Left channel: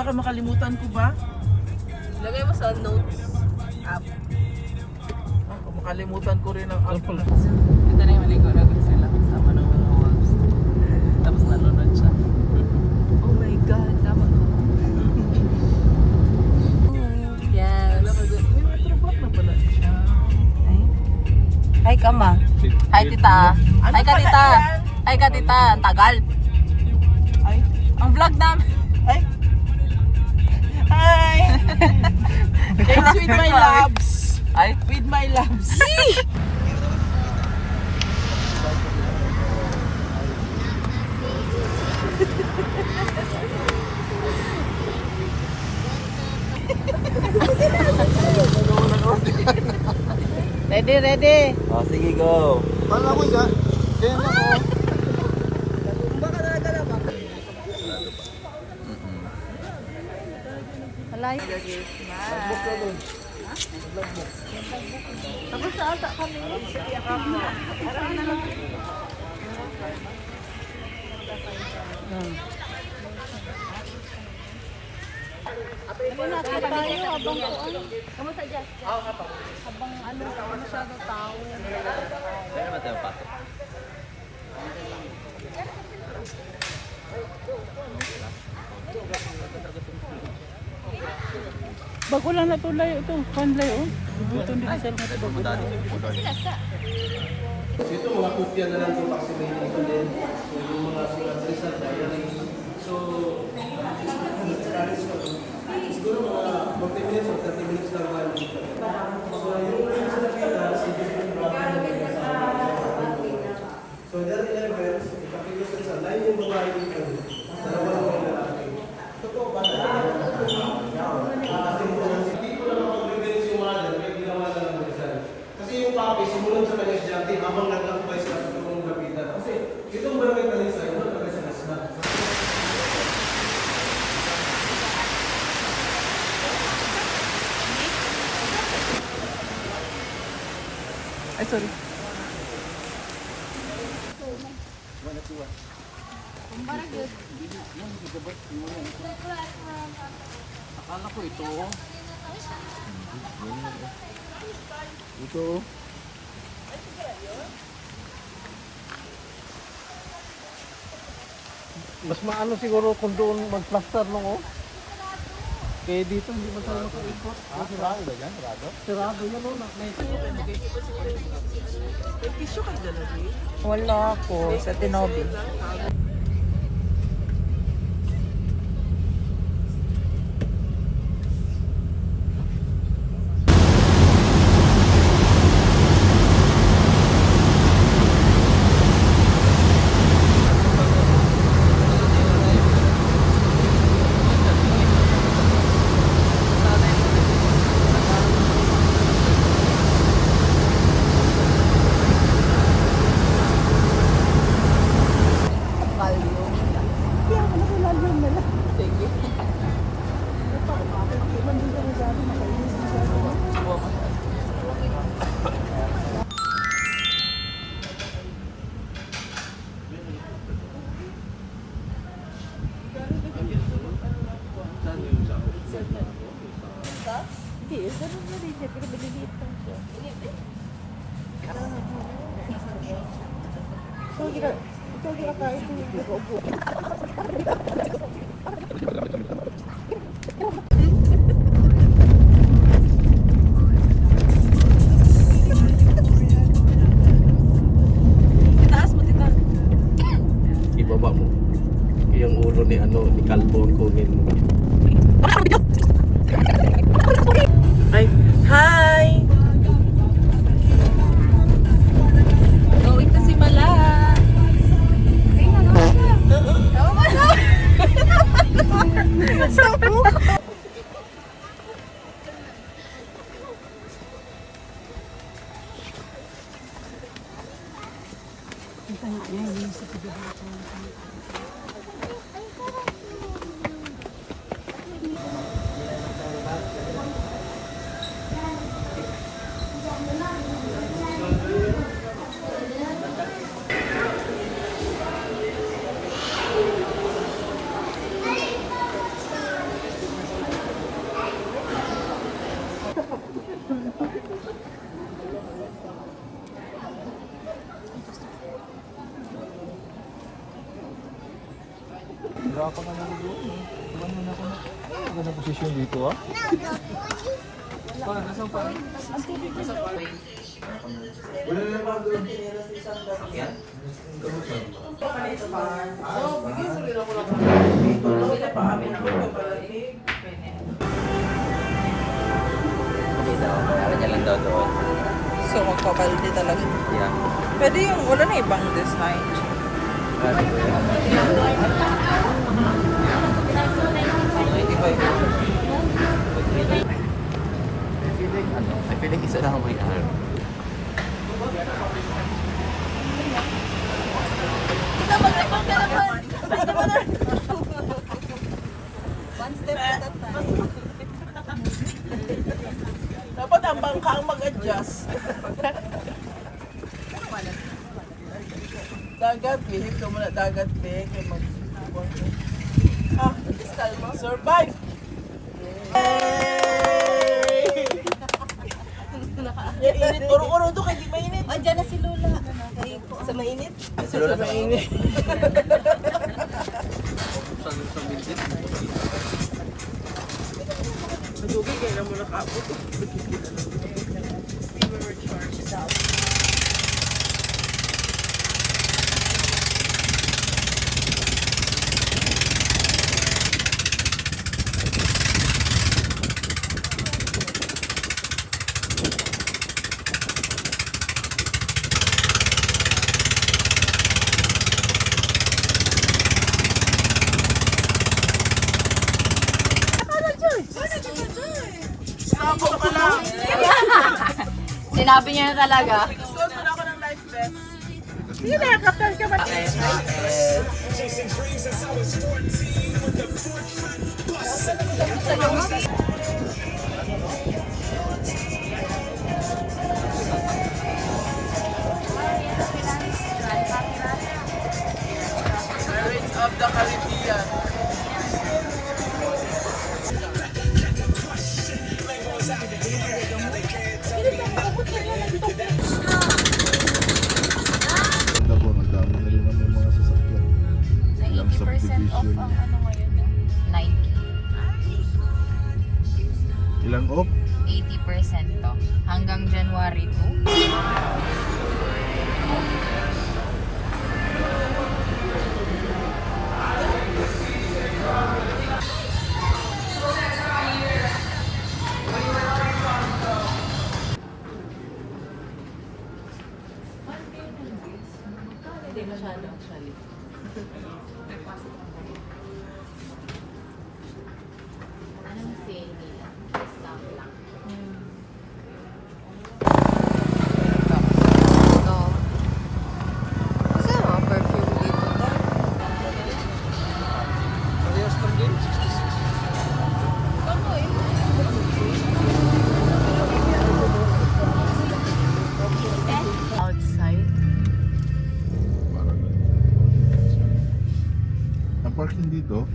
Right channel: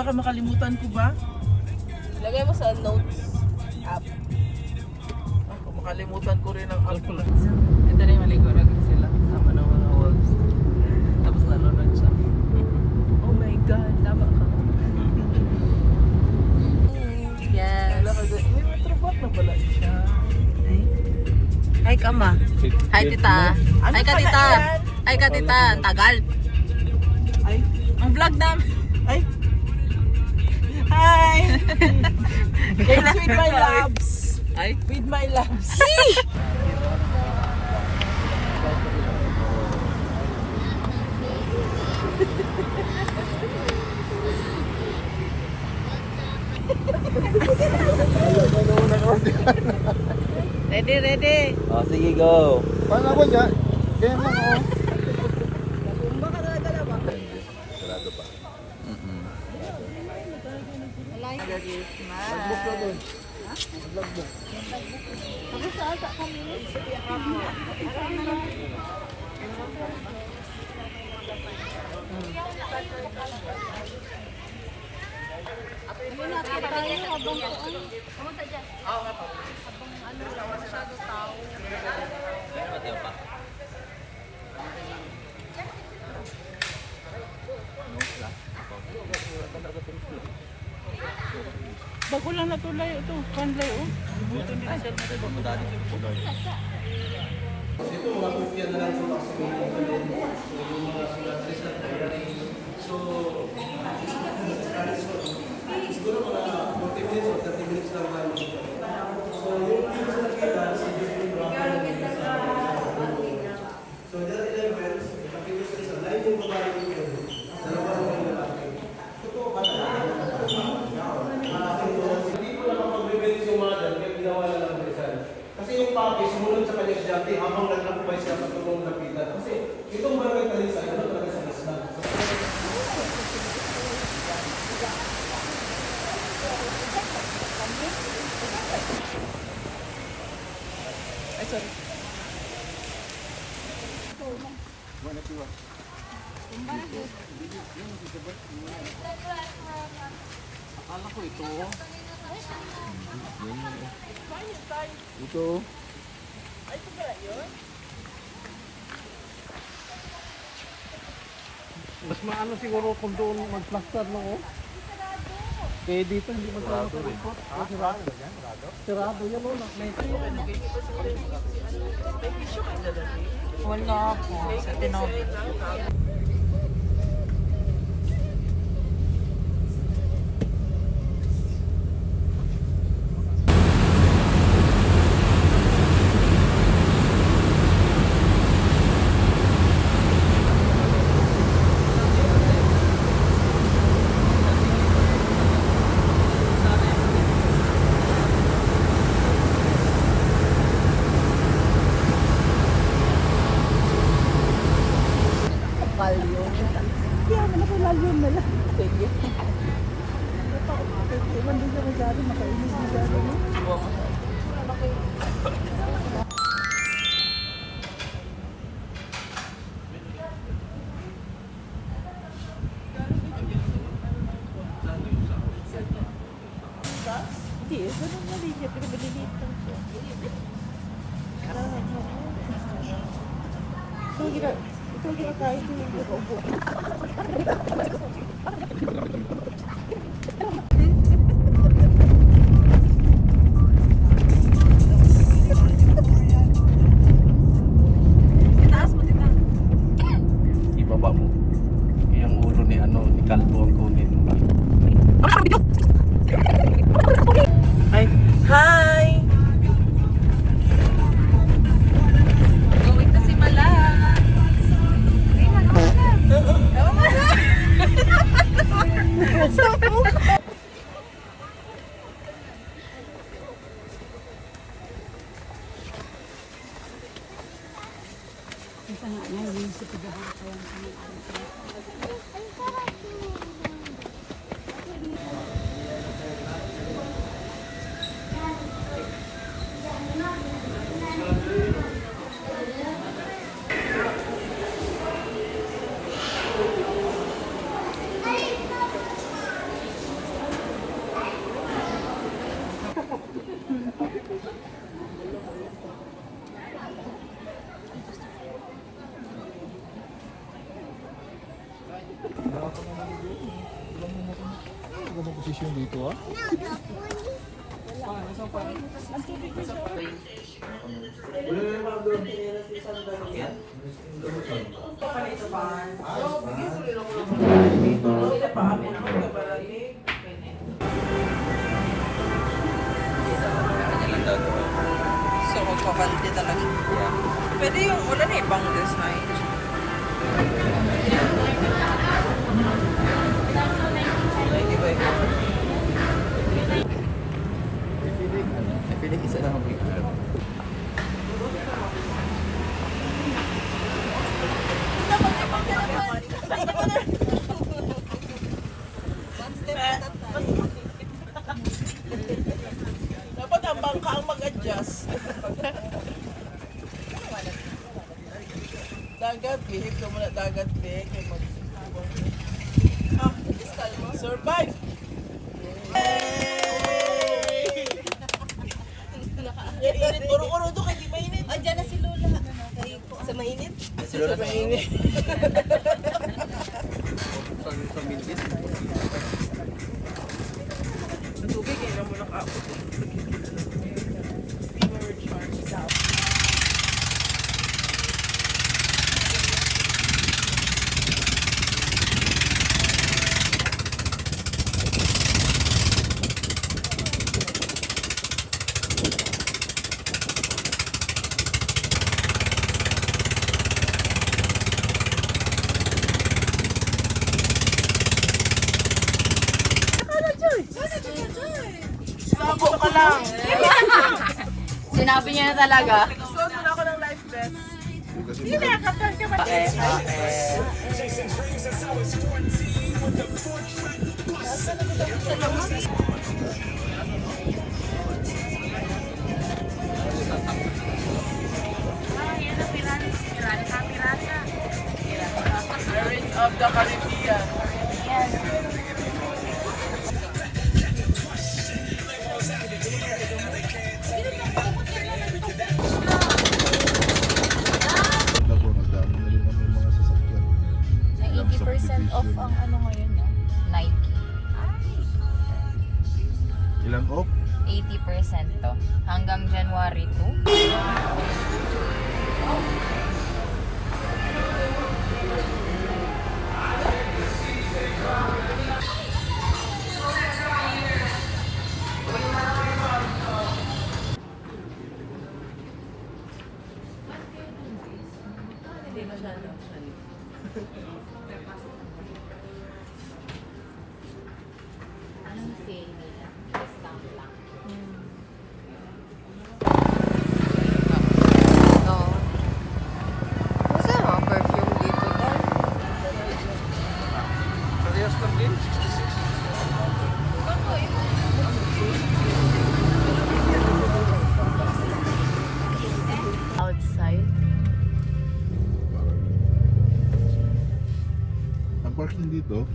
baka makalimutan ko ba? Lagay mo sa notes app. Ako, makalimutan ko rin ang app. Ito na yung maligo na sila. Sama ng mga wolves. Tapos nalunod siya. Oh my God, tama ka. Yes. Ba't na pala siya? Hi, Kama. Hi, tita. Ano Hi, ka, pala tita. yan? Hi, ka, tita. Ang tagal. Ay, Ang vlog namin. ay. Hi! Thanks with my loves. Ay. With my loves. Ready, ready. Ah, sige, go. Paano ako dyan? Alay. Tapos sa ata kami. Ano natin tayo habang kuan? Kamusta dyan? Habang ano masyado tao. Kaya na tayo pasok. Bago lang natulay ito. Kanlay oh. Ay, pumunta din yung puloy. Ito mga kopya na lang sa vaccinated and then yung mga sulat result na yun. So, siguro mga 40 minutes or 30 minutes lang tayo. So, yung sa nakita, si different brother na may kasama. So, that 11, kapag sa line yung babae dito, dalawa yung lalaki. Totoo ba na? Hindi ko na makapag-reference yung mother, kaya ginawa na lang result. Kasi yung papi, sumunod sa kanyang estudyante habang nagtagpay siya sa tutulong lapitan. Kasi itong barangay Talisa, ito talaga sa Nasna. Ay, sorry. Akala ko ito. Ito. Mas maano siguro kung doon mag-plaster lang oh. Kaya dito hindi man tayo makaikot. Sirado yan? Sirado yan oh. May tissue ka dyan, Ate? Wala po. Sa tinawag. Hindi, ganun na rin siya. Pero maliliit lang siya. Ito ginakain ko yung nag-ubo. Ibaba mo. Yung ulo ni ni Calvo kunin mo. Ay, hi! Gawin na si Malan. Ay, nalaman ka. Tama ba na? pa nga naluluto. Iwan mo na ako na. Ay, magandang posisyon dito ah. Parang nasaan pa? Wala na pa doon. Kanya lang daw to. So, magpabaldi talaga. Yeah. Pwede yung, wala na ibang design. I feel like isa lang ang may harap. One step at a time. Dapat ang bangka ang mag-adjust. Dagat, bihip ka muna dagat, be. Kaya ah, survive! Yay! Yan, init. Uro-uro to, kaya di mainit. Oh, dyan na si Lola. Sa mainit? Sa mainit. Sa minsit. Tubig, kaya na muna kapot. Sinabi niya na talaga. Suot mo na ako ng life vest. Pirates of the Caribbean. Ganda po, nagdami na rin naman yung mga sasakyan. Ilang 80% off subdivision. ang ano ngayon. Nike. Ilang off? 80% to. Hanggang January 2. Anong feel nila? Discount lang. No. Kasi ano, perfume dito tayo. Parehas lang din, 66. Outside. Parang... Ang parking dito,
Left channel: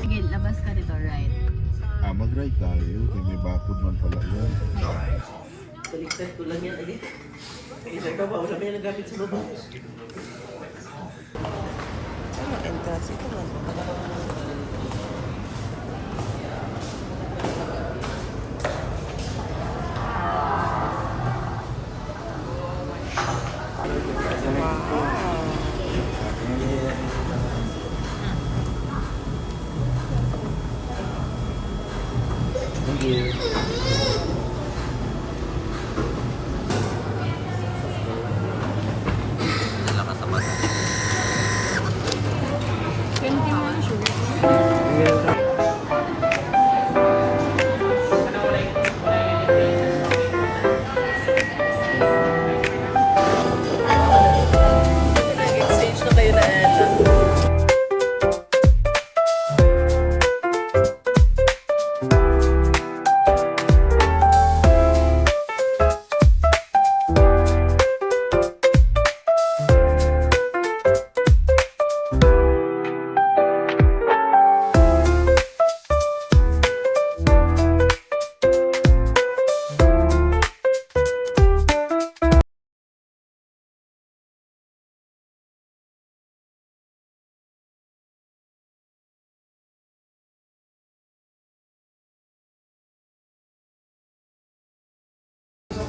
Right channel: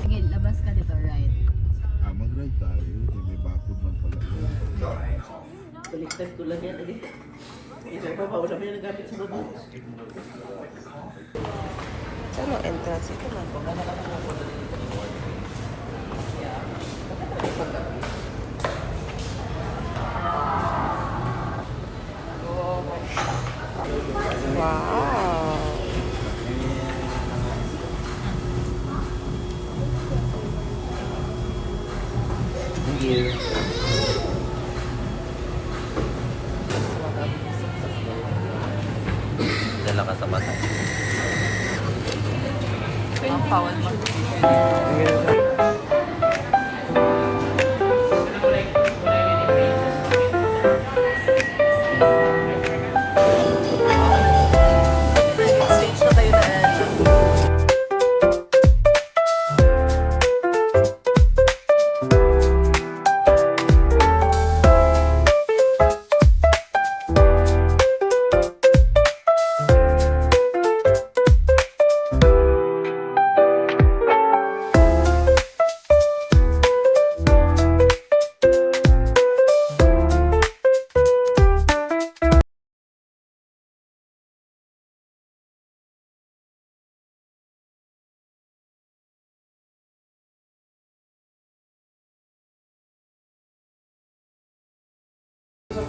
Sige, labas ka dito, right? mag-ride tayo. Kaya may bakod man pala yan. Baliktad ko lang yan. Isa ka ba? Wala kayo nagamit sa babae. Ano, entrance ito man. Wow. Thank you. Dala ka sa bata. 21 shoes. Nag-exchange na kayo na Ella.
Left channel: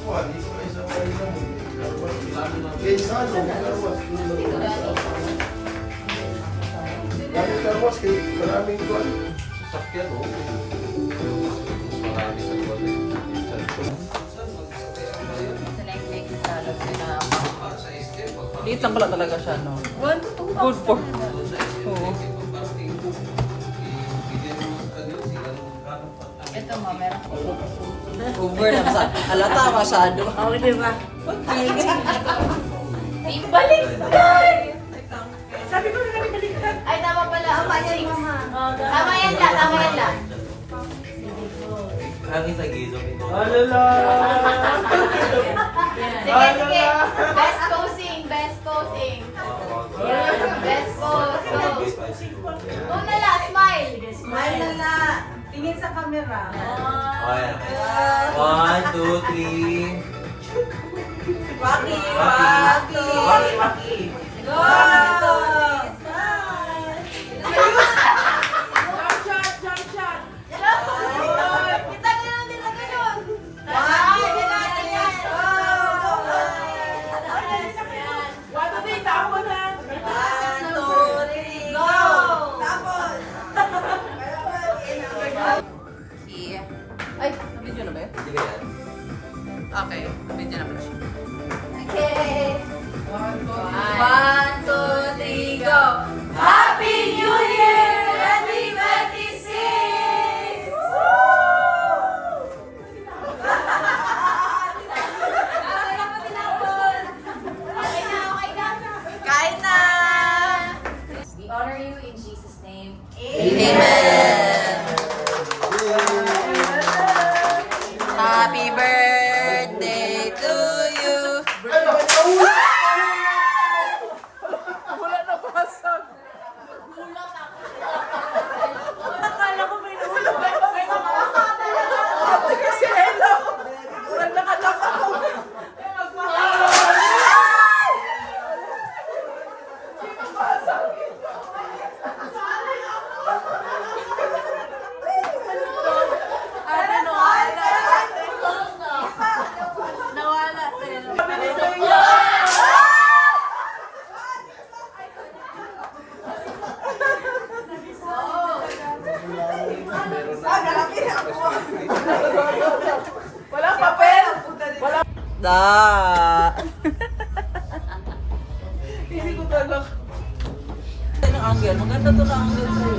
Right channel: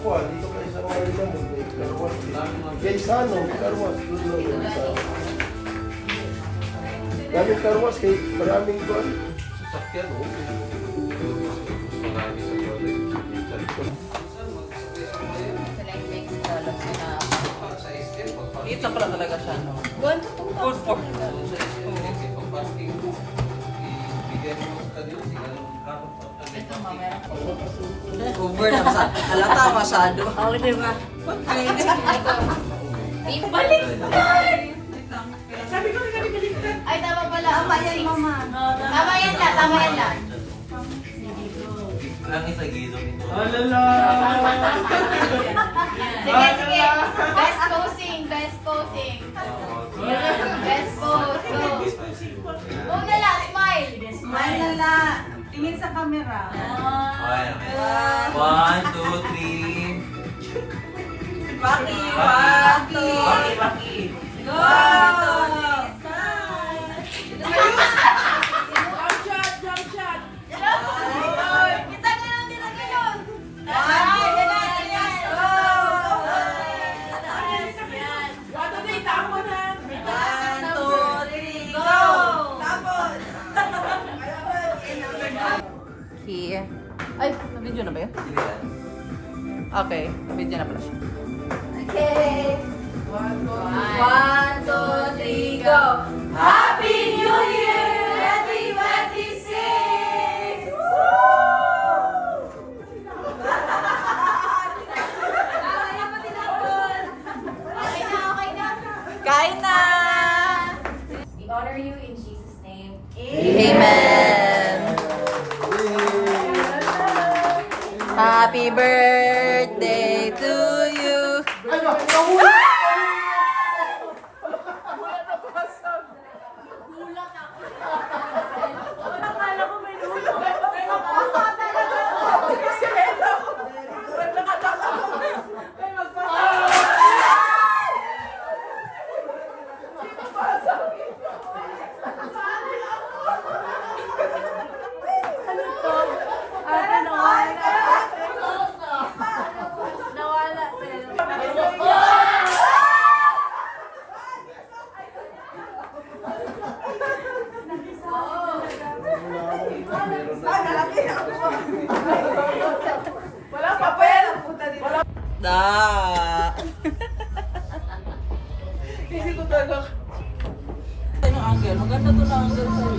kuha, dito kayo sa Manila mo. Kensano, karwas. Gamit karwas, kay maraming kuha. Sasakyan, okay. Marami sa toilet. Liit lang pala talaga siya, no? 1 to 2 Good for... Ito ma, meron ko. Over na sa... Halata masyado. Oo, di ba? Ibalik! Sabi ko na baliktad. Ay, tama pala. Tama yan, mama. Tama yan lang, tama yan lang. Lagi sa gilid nito. Alala! Sige, sige. Best coaching, best coaching. Best coaching. Una lang, smile. Smile na lang. Tingin sa camera. Okay. 1, 2, 3. Paki! Paki! Paki! Go! Here. Ay, video na ba yun? Sige yan. Okay, video na pala siya. Okay. 1, 2, 3, go! Happy New Year 2026! Okay na, okay na. Kain na! We honor you in Jesus' name. Amen! Happy birthday to you! Akala ko may nulog. Ate, nawala. Nawala. Da. Hindi ko talaga. Ano ang angle? Maganda to na angle sa'yo.